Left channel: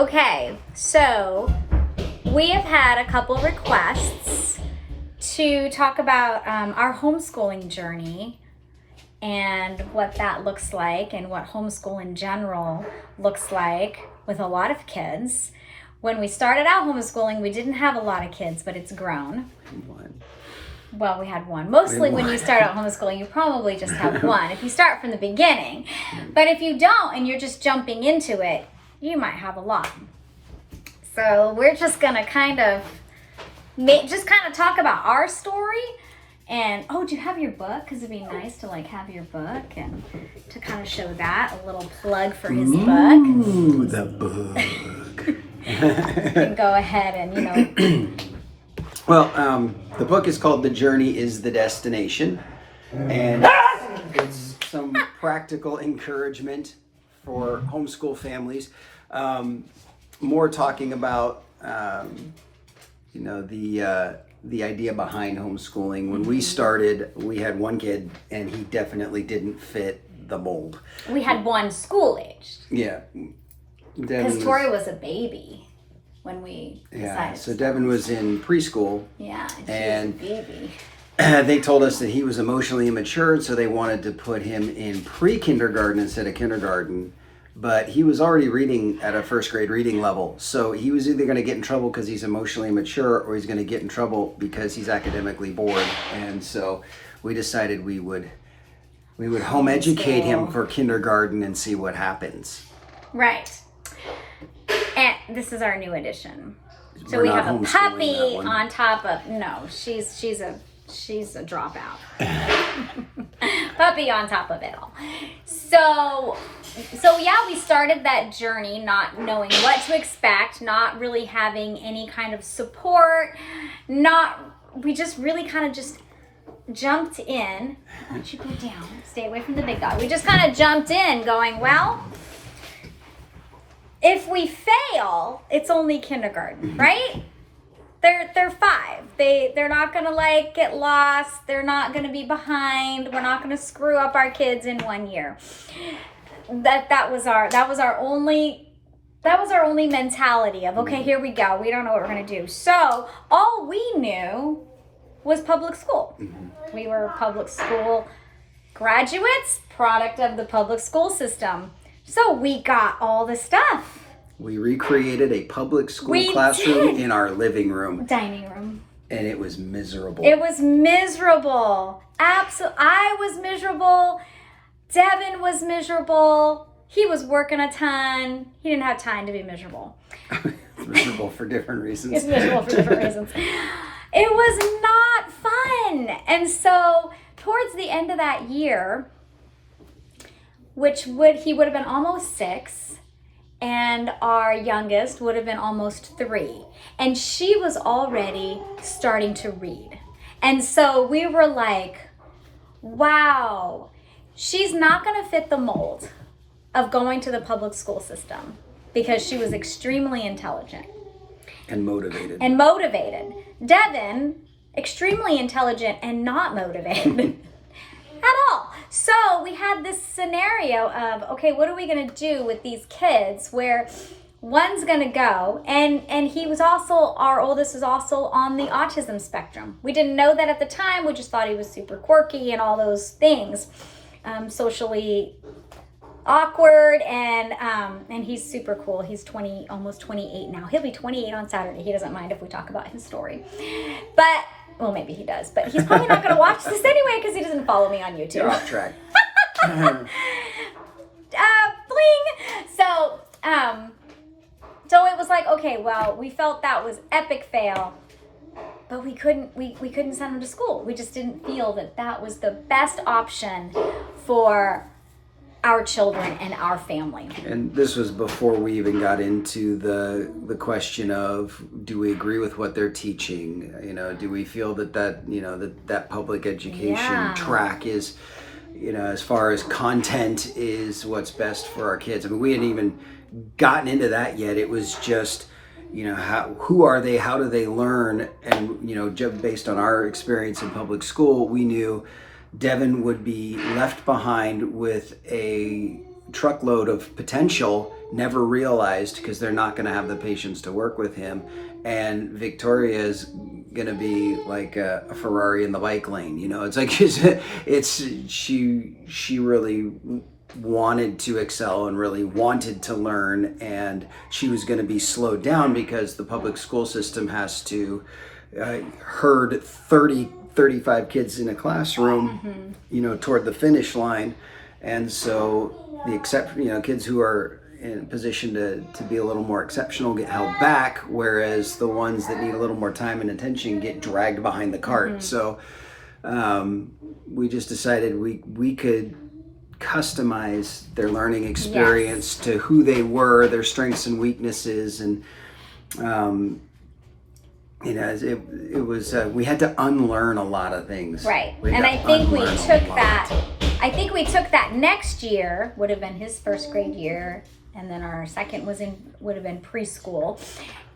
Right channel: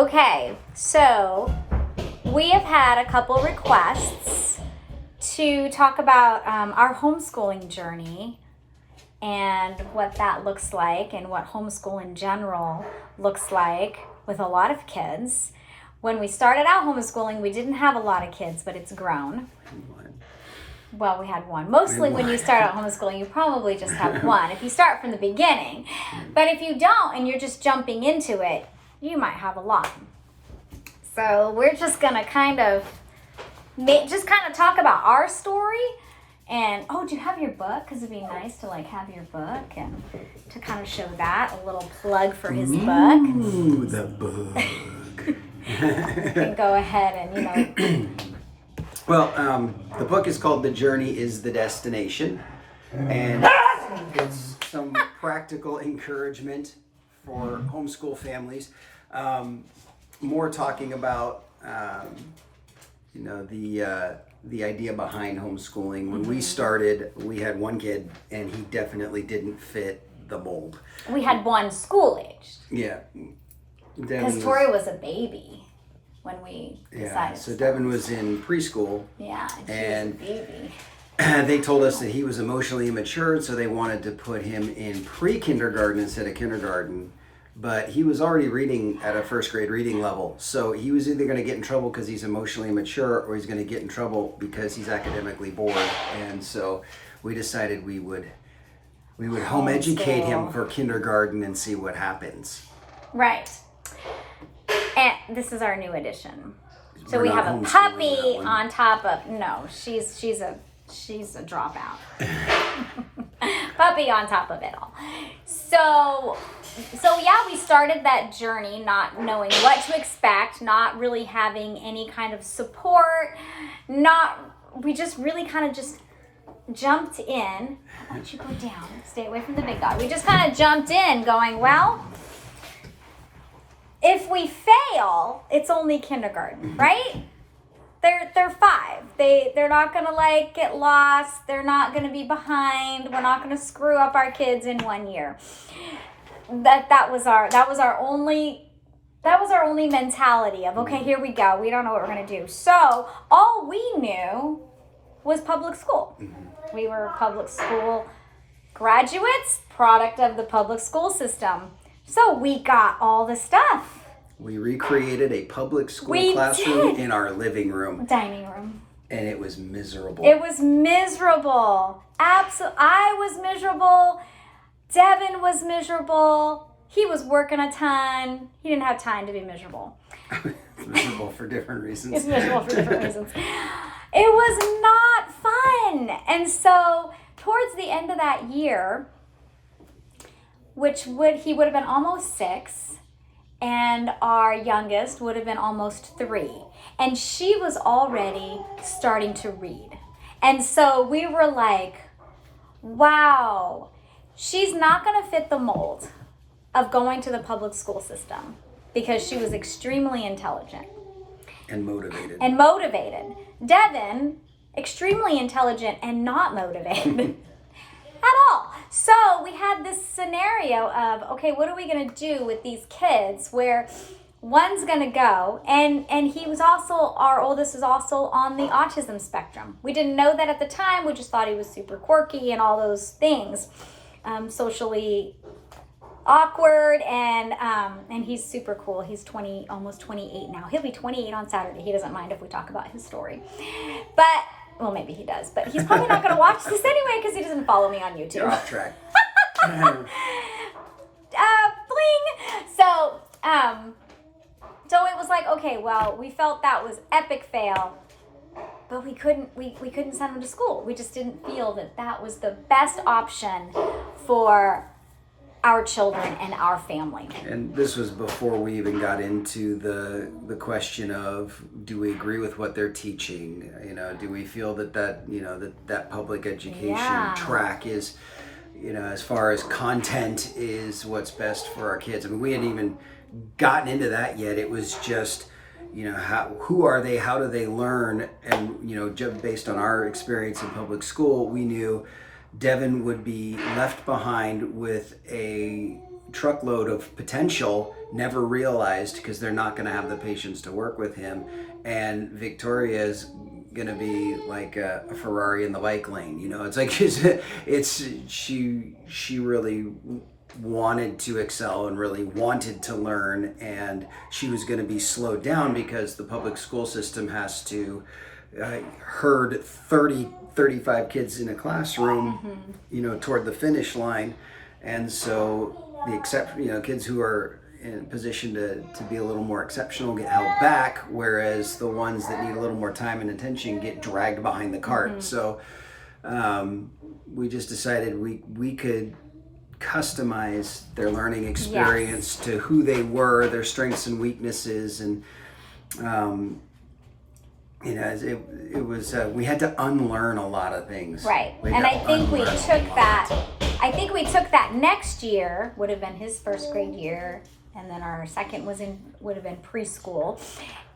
Okay, so we have had a couple requests to talk about our homeschooling journey and what that looks like and what homeschool in general looks like with a lot of kids. When we started out homeschooling, we didn't have a lot of kids, but it's grown. Well, we had one. Mostly when you start out homeschooling, you probably just have one if you start from the beginning. But if you don't and you're just jumping into it, you might have a lot. So we're just going to kind of talk about our story. And, do you have your book? Because it'd be nice to have your book and to kind of show that. A little plug for his book. Ooh, the book. You can go ahead and, Well, the book is called The Journey is the Destination. And it's some practical encouragement for homeschool families. More talking about, the idea behind homeschooling. When we started, we had one kid, and he definitely didn't fit the mold. we had one school-aged. Yeah. Because Tori was a baby when we decided. So Devin was in preschool. Yeah, and she was a baby. They told us that he was emotionally immature, so they wanted to put him in pre-kindergarten instead of kindergarten. But he was already reading at a first grade reading level. So he was either going to get in trouble because he's emotionally immature, or he's going to get in trouble because he's academically bored. And so we decided we would home educate him for kindergarten and see what happens. Right. And this is our new addition. So We're we not have a homeschooling puppy that one. on top of she's a dropout. Puppy on top of it all. So yeah, we started that journey not knowing what to expect, not really having any kind of support, we just really kind of just jumped in. Why don't you go down? Stay away from the big dog. We just kind of jumped in going, well, if we fail, it's only kindergarten, right? They're 5. They're not gonna get lost. They're not gonna be behind. We're not gonna screw up our kids in 1 year. That was our only mentality of, okay, here we go. We don't know what we're gonna do. So all we knew was public school. Mm-hmm. We were public school graduates, product of the public school system. So we got all the stuff. We recreated a public school classroom in our living room. Dining room. And it was miserable. It was miserable. I was miserable. Devin was miserable. He was working a ton. He didn't have time to be miserable. It's miserable for different reasons. It's miserable for different reasons. It was not fun. And so towards the end of that year, he would have been almost 6, and our youngest would have been almost 3. And she was already starting to read. And so we were like, wow, she's not going to fit the mold of going to the public school system because she was extremely intelligent. And motivated. Devin, extremely intelligent and not motivated at all. So we had this scenario of, okay, what are we going to do with these kids where one's going to go, and he was also, our oldest is also on the autism spectrum. We didn't know that at the time. We just thought he was super quirky and all those things, socially awkward, and he's super cool. He's almost 28 now. He'll be 28 on Saturday. He doesn't mind if we talk about his story. But, well, maybe he does. But he's probably not going to watch this anyway because he doesn't follow me on YouTube. You're off track. Bling! So it was like, okay, well, we felt that was epic fail, but we couldn't send him to school. We just didn't feel that was the best option for our children and our family. And this was before we even got into the question of, do we agree with what they're teaching? Do we feel that public education track is, as far as content is what's best for our kids? I mean, we hadn't even gotten into that yet. It was just, who are they? How do they learn? And, based on our experience in public school, we knew Devin would be left behind with a truckload of potential never realized, because they're not going to have the patience to work with him. And Victoria is going to be like a Ferrari in the bike lane. You know, it's like she really wanted to excel and really wanted to learn, and she was going to be slowed down because the public school system has to herd 35 kids in a classroom, you know, toward the finish line. And so kids who are in a position to be a little more exceptional get held back, whereas the ones that need a little more time and attention get dragged behind the cart. So we just decided we could customize their learning experience to who they were, their strengths and weaknesses, and you know, it was we had to unlearn a lot of things. Right. And I think we took that. I think we took that next year, would have been his first grade year, and then our second would have been preschool,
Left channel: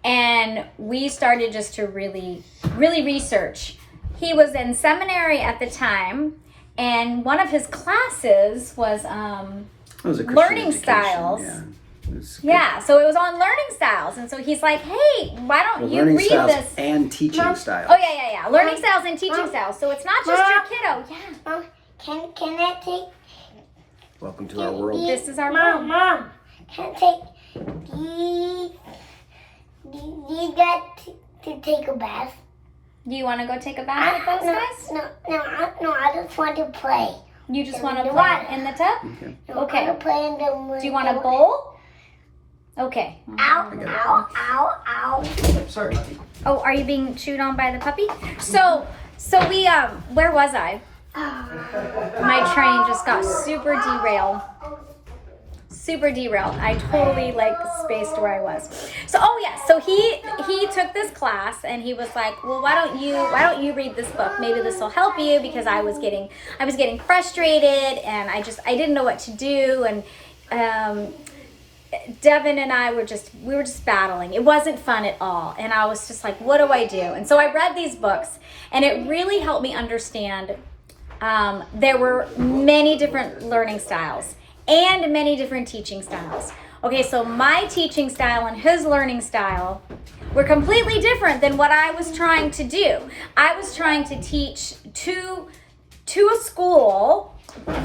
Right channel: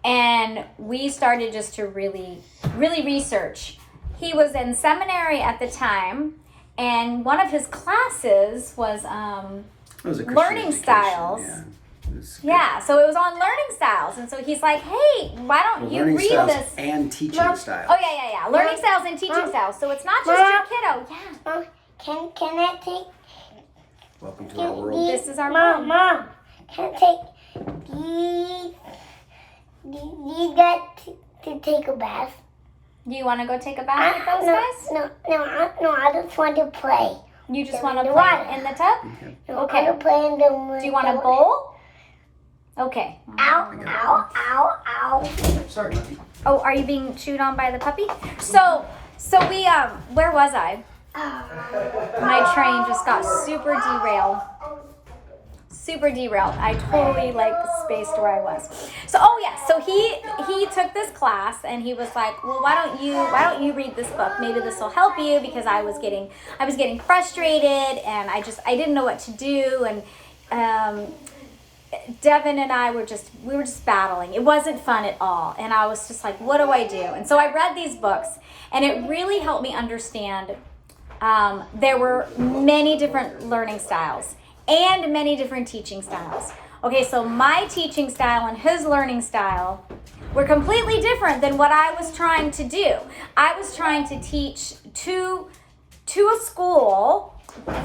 and we started just to really research. He was in seminary at the time, and one of his classes was learning styles. Yeah, so it was on learning styles, and so he's like, "Hey, why don't you read this?" And teaching styles. Oh yeah, learning styles and teaching styles. So it's not just your kiddo. Yeah. Can I take? Welcome to our world. This is our room. Mom, can I take these guys to take a bath? Do you want to go take a bath with those guys? No, I just want to play. You just want to play in the tub? Okay. Okay. I want to play in the. Do you want a bowl? Okay. Ow. Sorry. Oh, are you being chewed on by the puppy? So we where was I? My train just got super derailed. I totally spaced where I was. So he took this class, and he was like, "Well, why don't you read this book? Maybe this will help you," because I was getting frustrated, and I didn't know what to do, and Devin and I were just battling. It wasn't fun at all, and I was just like, "What do I do?" And so I read these books, and it really helped me understand there were many different learning styles and many different teaching styles. Okay, so my teaching style and his learning style were completely different than what I was trying to do. I was trying to teach to a school,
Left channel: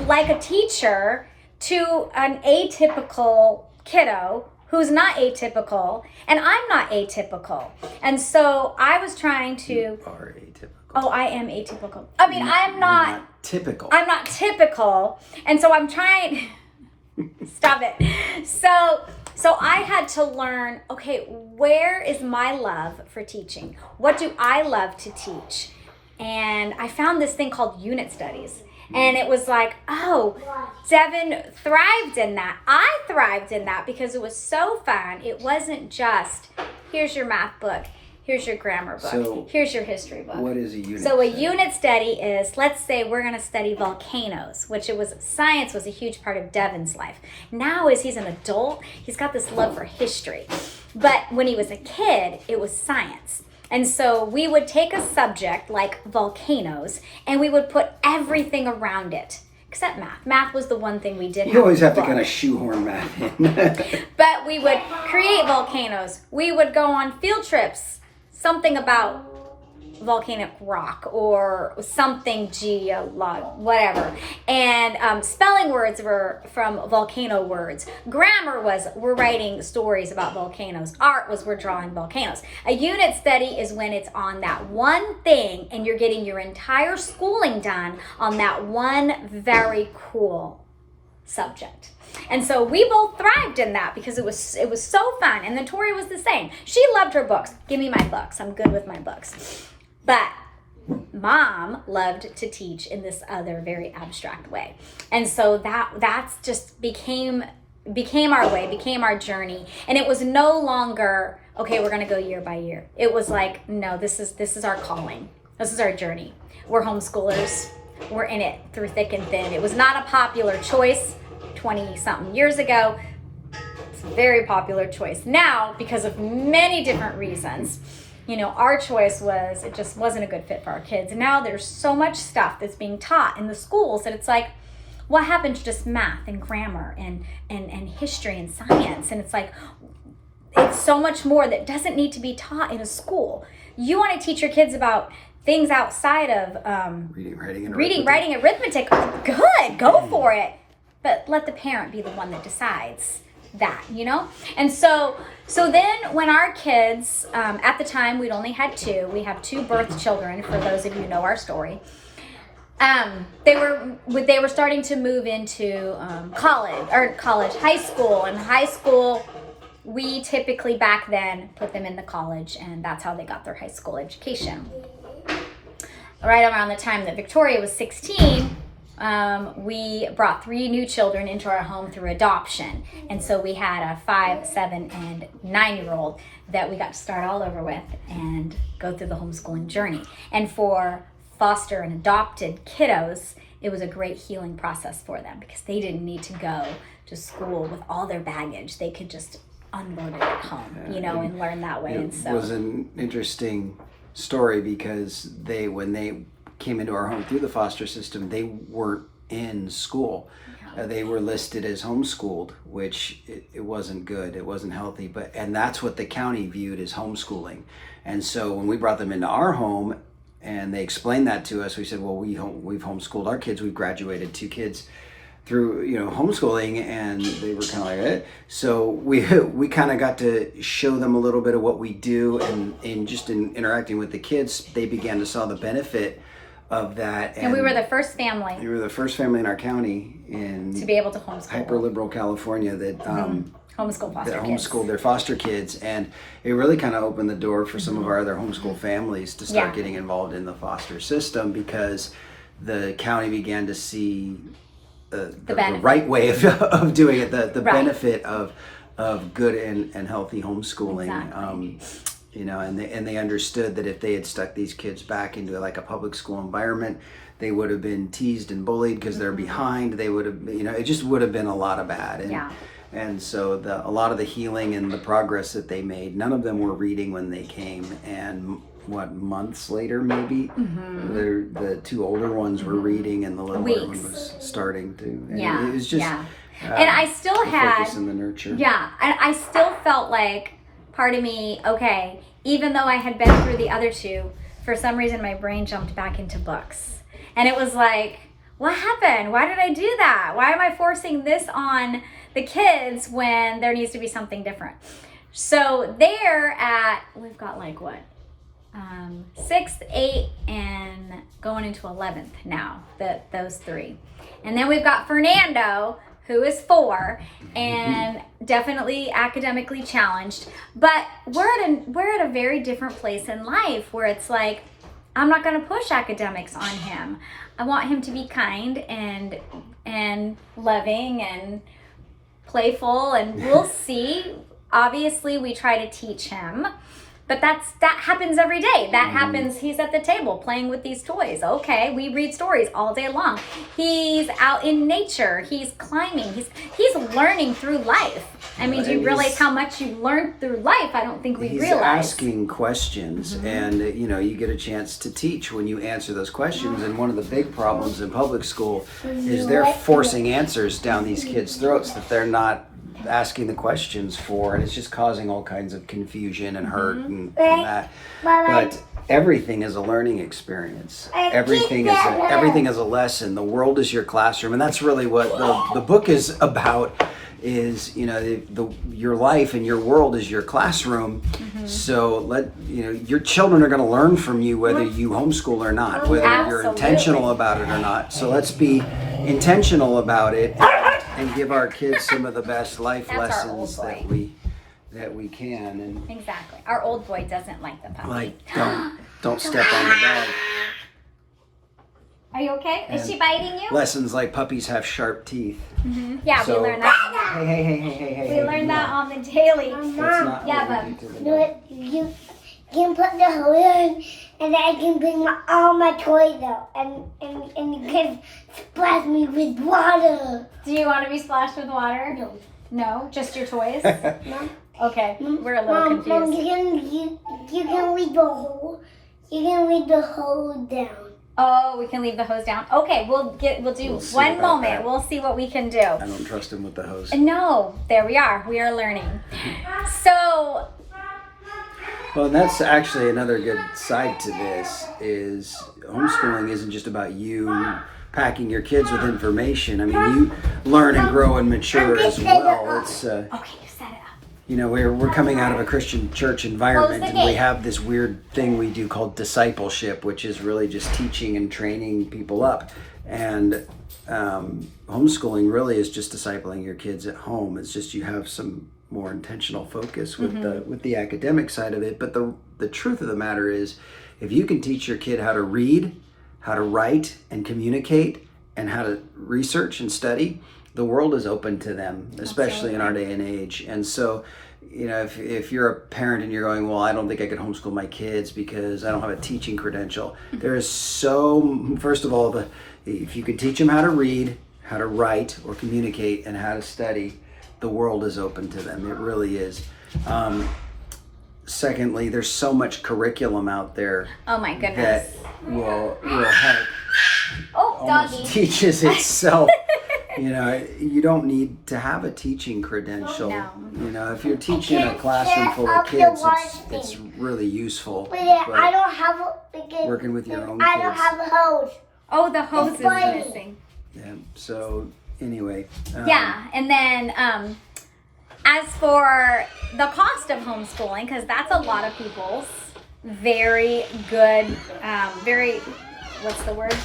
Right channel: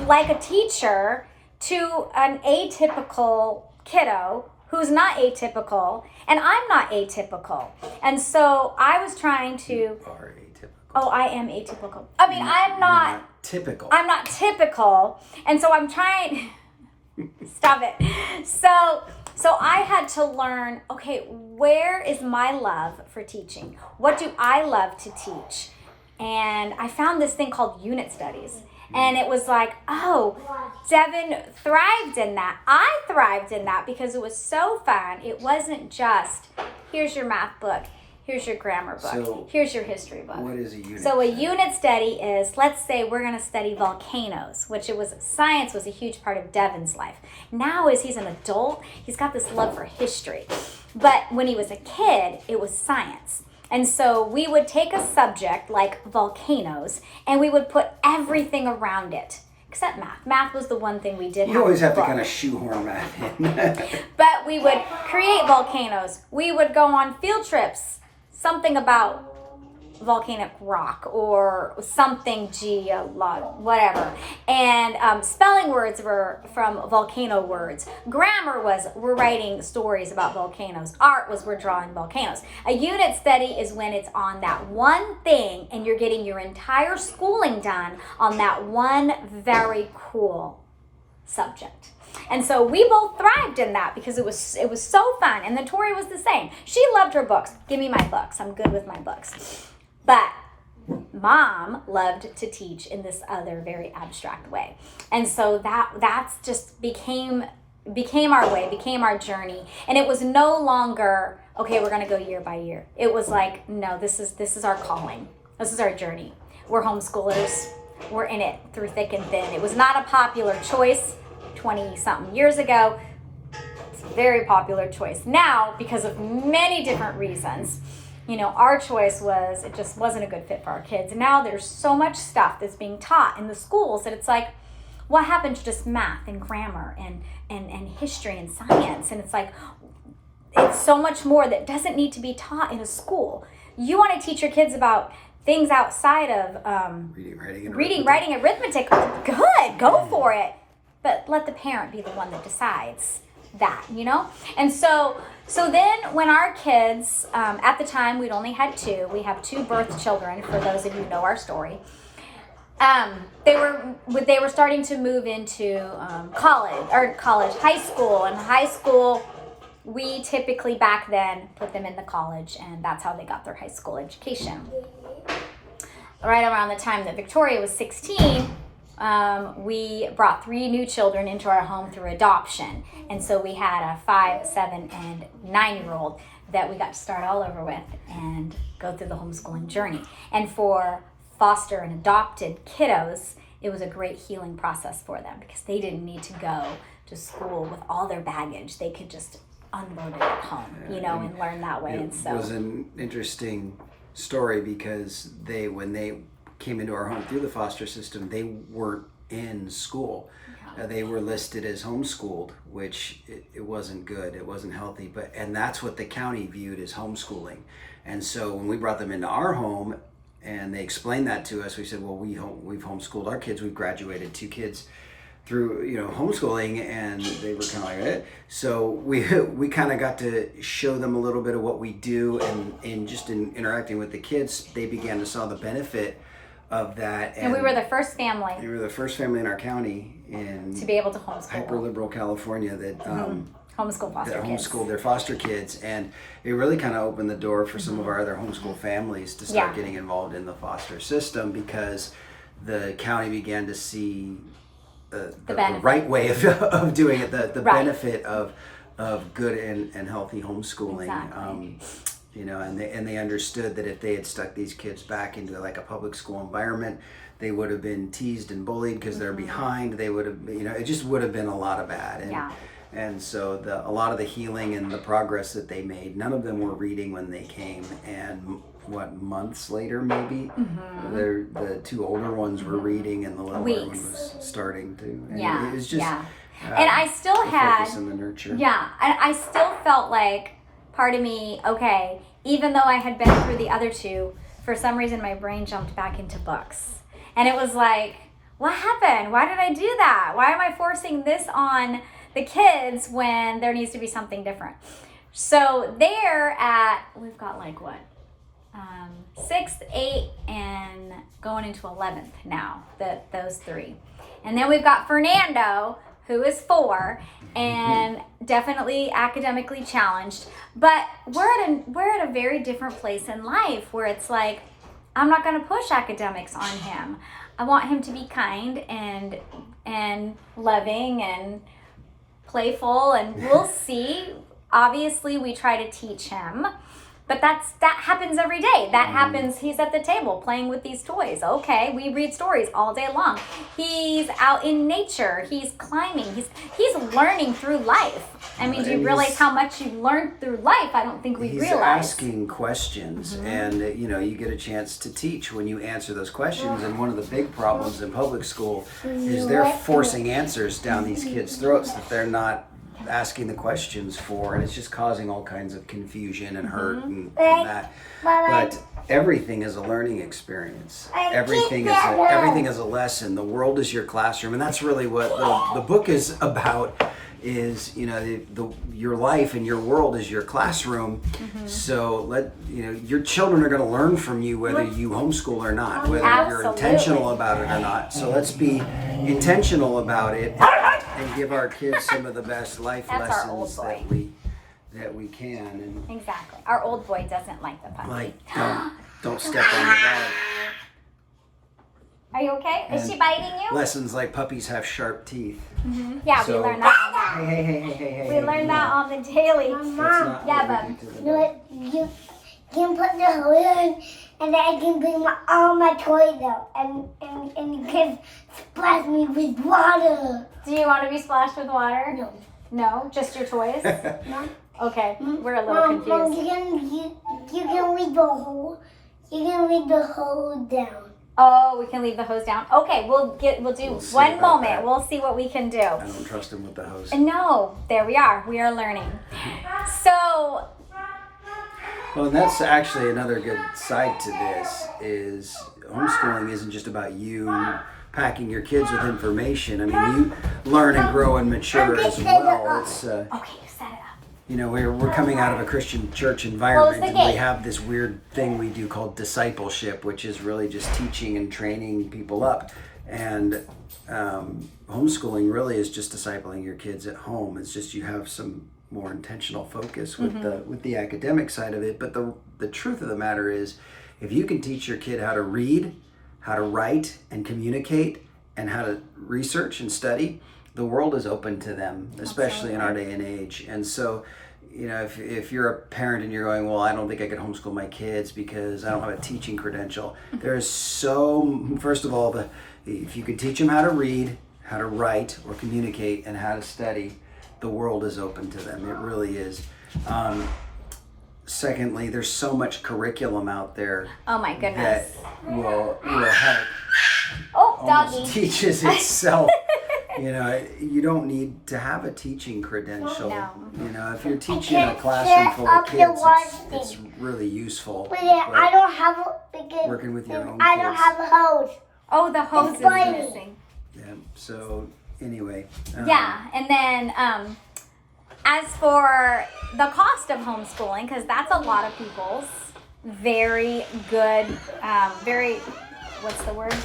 like a teacher, to an atypical kiddo who's not atypical, and I'm not atypical. And so I was trying to... You are atypical. Oh, I am atypical. I mean, I'm not typical. I'm not typical. And so I'm trying... Stop it. So I had to learn, okay, where is my love for teaching? What do I love to teach? And I found this thing called unit studies. And it was like, oh, Devin thrived in that. I thrived in that because it was so fun. It wasn't just, here's your math book, here's your grammar book, here's your history book. What is a unit So a study? unit study is, let's say we're going to study volcanoes, which science was a huge part of Devin's life. Now as he's an adult, he's got this love for history. But when he was a kid, it was science. And so we would take a subject like volcanoes, and we would put everything around it, except math. Math was the one thing we did. You always have to kind of shoehorn math in. But we would create volcanoes. We would go on field trips, something about volcanic rock or something whatever. And spelling words were from volcano words. Grammar we're writing stories about volcanoes. Art we're drawing volcanoes. A unit study is when it's on that one thing and you're getting your entire schooling done on that one very cool subject. And so we both thrived in that because it was so fun. And then Tori was the same. She loved her books. Give me my books. I'm good with my books. But Mom loved to teach in this other very abstract way. And so that's just became our way, became our journey. And it was no longer, okay, we're going to go year by year. It was like, no, this is our calling. This is our journey. We're homeschoolers. We're in it through thick and thin. It was not a popular choice 20-something years ago. It's a very popular choice now because of many different reasons. You know, our choice was, it just wasn't a good fit for our kids. And now there's so much stuff that's being taught in the schools that it's like, what happened to just math and grammar and history and science? And it's like, it's so much more that doesn't need to be taught in a school. You want to teach your kids about things outside of reading, writing, arithmetic. Good, go for it. But let the parent be the one that decides that, you know? And so then when our kids, at the time we'd only had two, we have two birth children, for those of you who know our story. They were starting to move into high school. And high school, we typically back then put them in the college, and that's how they got their high school education. Right around the time that Victoria was 16, we brought 3 new children into our home through adoption. And so we had a 5, 7, and 9-year-old that we got to start all over with and go through the homeschooling journey. And for foster and adopted kiddos, it was a great healing process for them because they didn't need to go to school with all their baggage. They could just unload it at home, and learn that way. And so it was an interesting story because when they came into our home through the foster system, they weren't in school. They were listed as homeschooled, which it wasn't good. It wasn't healthy. And that's what the county viewed as homeschooling. And so when we brought them into our home and they explained that to us, we said, well, we've homeschooled our kids. We've graduated 2 kids through homeschooling, and they were kind of like, eh. So we kind of got to show them a little bit of what we do, and just in interacting with the kids, they began to saw the benefit of that. And we were the first family. We were the first family in our county to be able to homeschool. Hyper liberal California that homeschooled their foster kids, and it really kind of opened the door for some of our other homeschool families to start getting involved in the foster system, because the county began to see the right way of doing it, the benefit of good and healthy homeschooling. Exactly. And they understood that if they had stuck these kids back into like a public school environment, they would have been teased and bullied because they're behind. They would have, it just would have been a lot of bad. And so a lot of the healing and the progress that they made, none of them were reading when they came, and months later maybe, the 2 older ones were reading, and the little one was starting to. And it was just and I still had focus in the nurture. And I still felt like part of me, okay, even though I had been through the other 2, for some reason my brain jumped back into books, and it was like, what happened? Why did I do that? Why am I forcing this on the kids when there needs to be something different? So we've got like what? 6th, 8th, and going into 11th now, those 3. And then we've got Fernando, who is 4 and definitely academically challenged. But we're at a very different place in life where it's like, I'm not going to push academics on him. I want him to be kind and loving and playful, and we'll see. Obviously, we try to teach him. But that happens every day. That happens. He's at the table playing with these toys. Okay, we read stories all day long. He's out in nature. He's climbing. He's learning through life. I mean, do you realize how much you learned through life? I don't think we realize. He's asking questions, and you get a chance to teach when you answer those questions. And one of the big problems in public school is they're forcing answers down these kids' throats that they're not asking the questions for, and it's just causing all kinds of confusion and hurt and that. But everything is a learning experience. Everything is a lesson. The world is your classroom, and that's really what the book is about. Is your life and your world is your classroom. So your children are going to learn from you whether you homeschool or not, whether you're intentional about it or not. So let's be intentional about it and give our kids some of the best life lessons that we can. And exactly, our old boy doesn't like the puppy. Like don't step on the dog. Are you okay? Is she biting you? Lessons like puppies have sharp teeth. Yeah, so, we learned that. Hey. We learned that on the daily. Mom, You can put the hood in, and then I can bring all my toys out, and the kids splash me with water. Do you want to be splashed with water? No. No? Just your toys? Mom? Okay, we're a little confused. Mom, you can read the whole down. Oh, we can leave the hose down. Okay, we'll do see one about moment. that. We'll see what we can do. I don't trust him with the hose. No, there we are. We are learning. So, Well, and that's actually another good side to this is homeschooling isn't just about you packing your kids with information. I mean, you learn and grow and mature as well. It's okay, you set it up. you know, we're coming out of a Christian church environment, Close the and we gate. have this weird thing we do called discipleship, which is really just teaching and training people up. And homeschooling really is just discipling your kids at home. It's just you have some more intentional focus with the academic side of it. But the truth of the matter is, if you can teach your kid how to read, how to write and communicate, and how to research and study, the world is open to them, especially in our day and age. And so, you know, if you're a parent and you're going, well, I don't think I could homeschool my kids because I don't have a teaching credential. There is first of all, if you could teach them how to read, how to write or communicate, and how to study, the world is open to them. It really is. Secondly, there's so much curriculum out there Oh my that goodness. will help. Oh, Almost doggy. teaches itself. You know, you don't need to have a teaching credential. No. You know, if you're teaching a classroom full of kids, it's really useful. But I But don't have a because working with your own I don't kids. have a hose. Oh, the hose is Explain. missing. Yeah. So anyway. Yeah, and then as for the cost of homeschooling, because that's a lot of people's very good, very, what's the word?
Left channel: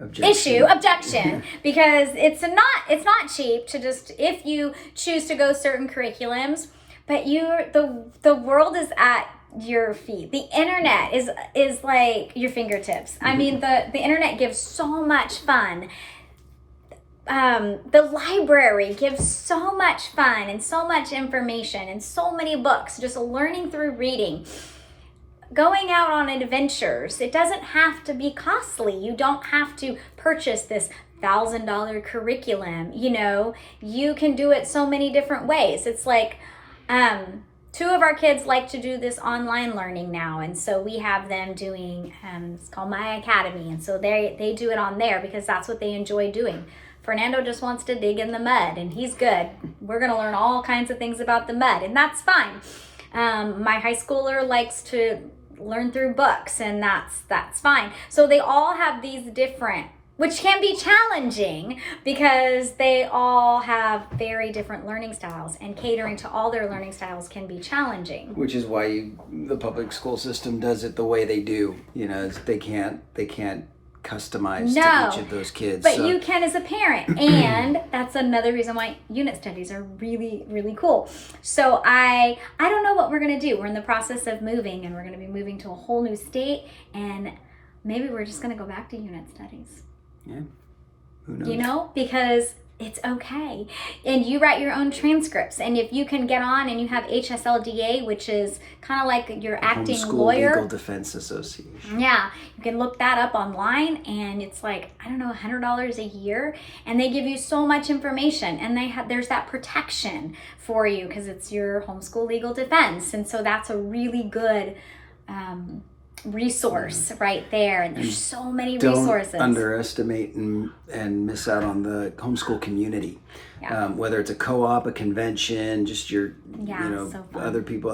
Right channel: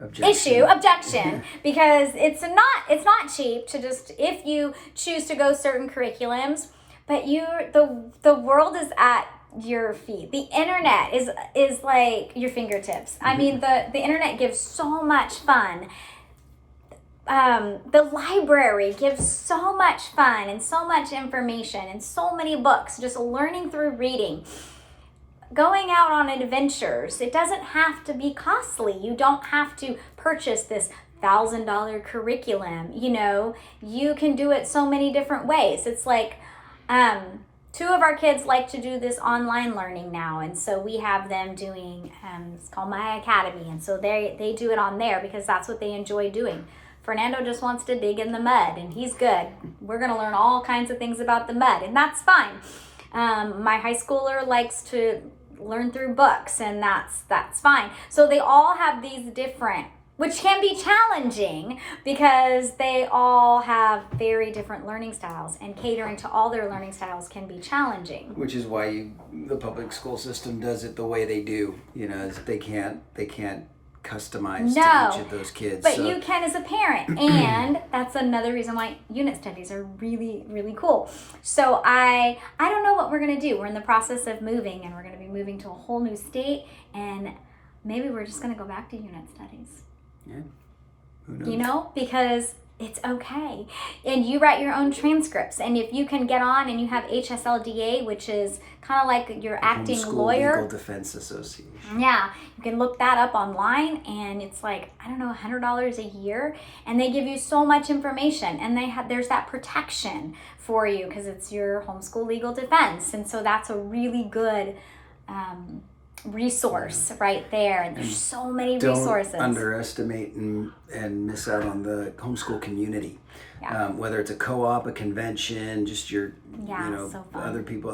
Objection, because it's not cheap to just, if you choose to go certain curriculums, but the world is at your feet. The internet is like your fingertips. I mean, the internet gives so much fun. The library gives so much fun and so much information and so many books, just learning through reading. Going out on adventures, it doesn't have to be costly. You don't have to purchase this $1,000 curriculum. You know, you can do it so many different ways. It's like, two of our kids like to do this online learning now, and so we have them doing, it's called My Academy, and so they do it on there because that's what they enjoy doing. Fernando just wants to dig in the mud, and he's good. We're going to learn all kinds of things about the mud, and that's fine. My high schooler likes to learn through books, and that's fine. So they all have these different, which can be challenging because they all have very different learning styles, and catering to all their learning styles can be challenging. Which is why the public school system does it the way they do. You know, they can't customize to each of those kids. But you can as a parent, and that's another reason why unit studies are really, really cool. So I don't know what we're going to do. We're in the process of moving, and we're going to be moving to a whole new state, and maybe we're just going to go back to unit studies. Yeah. Who knows? You know, because it's okay. And you write your own transcripts. And if you can get on and you have HSLDA, which is kind of like your acting Homeschool lawyer. Legal Defense Association. Yeah, you can look that up online, and it's like, I don't know, $100 a year, and they give you so much information, and there's that protection for you because it's your homeschool legal defense, and so that's a really good resource right there, and there's so many resources. Don't underestimate and miss out on the homeschool community. Yeah. Whether it's a co-op, a convention, just your, so fun. other people,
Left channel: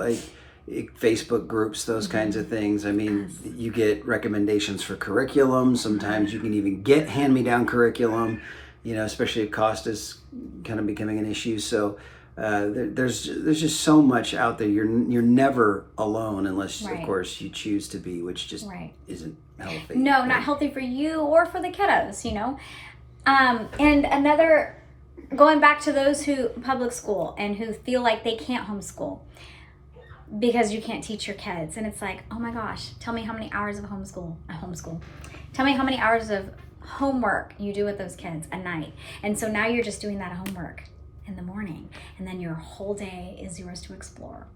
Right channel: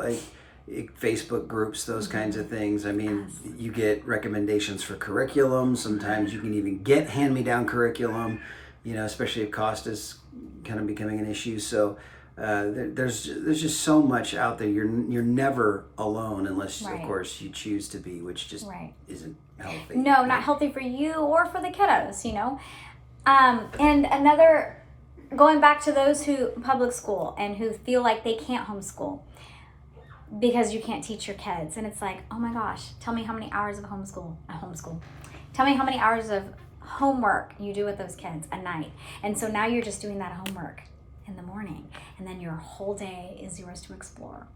Facebook groups, those kinds of things. I mean, you get recommendations for curriculum. Sometimes you can even get hand-me-down curriculum, especially if cost is kind of becoming an issue. So there's just so much out there. You're never alone unless, of course, you choose to be, which just isn't healthy. No, not healthy for you or for the kiddos, And another, going back to those who public school and who feel like they can't homeschool because you can't teach your kids. And it's like, oh my gosh, tell me how many hours of homeschool. Tell me how many hours of homework you do with those kids a night. And so now you're just doing that homework in the morning, and then your whole day is yours to explore.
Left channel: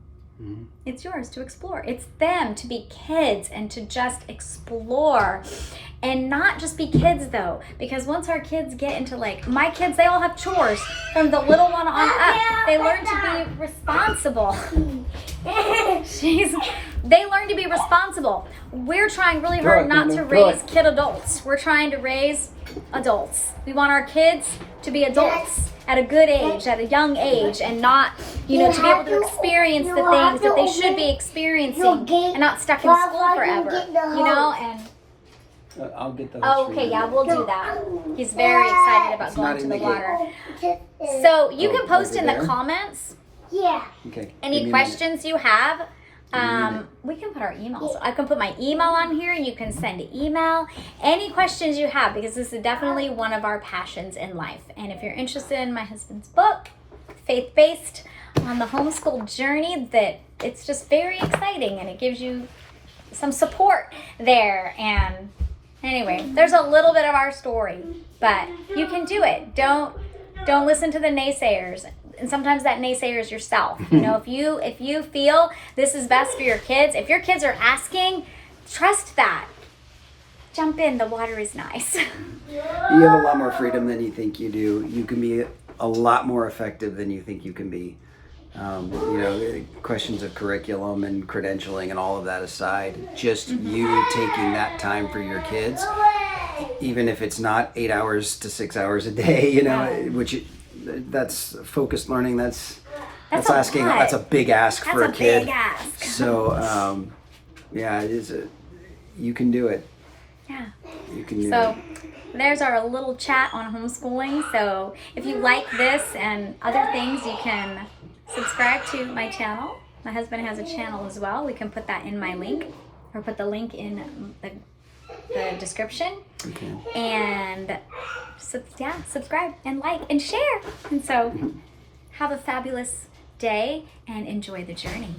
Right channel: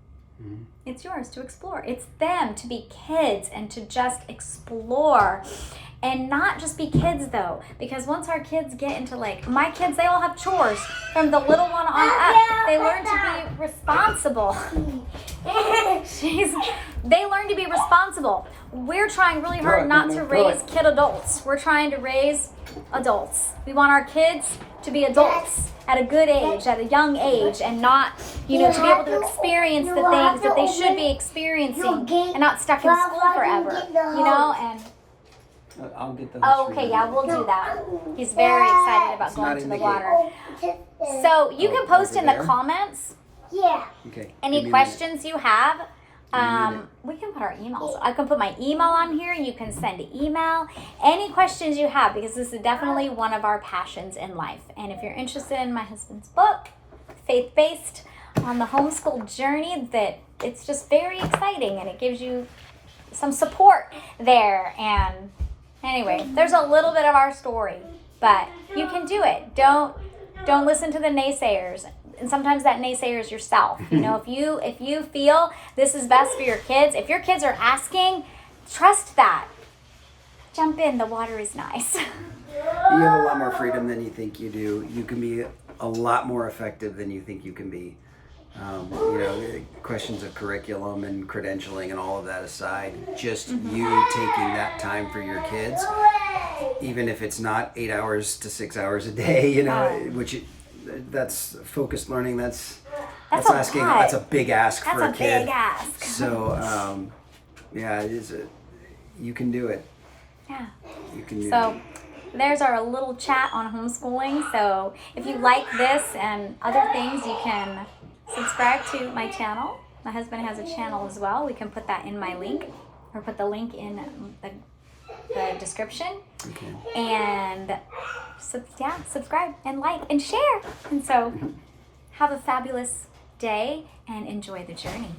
Mm-hmm. It's yours to explore. It's them to be kids and to just explore, and not just be kids though, because once our kids get into my kids, they all have chores from the little one on up. They learn to be responsible. They learn to be responsible. we're trying really Throw hard it, not Nana, to throw raise it. kid adults. We're trying to raise adults. We want our kids to be adults at a good age, at a young age, and not, to be able to experience the things that they should be experiencing and not stuck in school forever, and I'll get those. okay, yeah, we'll do that. He's very excited about going not to in the the water. So you can post over in there? the comments Yeah. Okay. any give me a questions you have. minute. We can put our emails. I can put my email on here. You can send an email. Any questions you have, because this is definitely one of our passions in life. And if you're interested in my husband's book, Faith-Based, on the homeschool journey, that it's just very exciting and it gives you some support there. And anyway, there's a little bit of our story, but you can do it. Don't listen to the naysayers. And sometimes that naysayer is yourself. If you feel this is best for your kids, if your kids are asking, trust that. Jump in. The water is nice. You have a lot more freedom than you think you do. You can be a lot more effective than you think you can be. Questions of curriculum and credentialing and all of that aside, just you taking that time for your kids, even if it's not 8 hours to 6 hours a day, that's focused learning. That's That's a asking. lot. That's a big ask for a kid. Big ask. So, you can do it. Yeah. You can do So it. there's our little chat on homeschooling. So if you like this and other things, you can subscribe to my channel. My husband has a channel as well. We can put that in my link, or put the link in the description. Okay. And subscribe and like and share. And so have a fabulous day and enjoy the journey.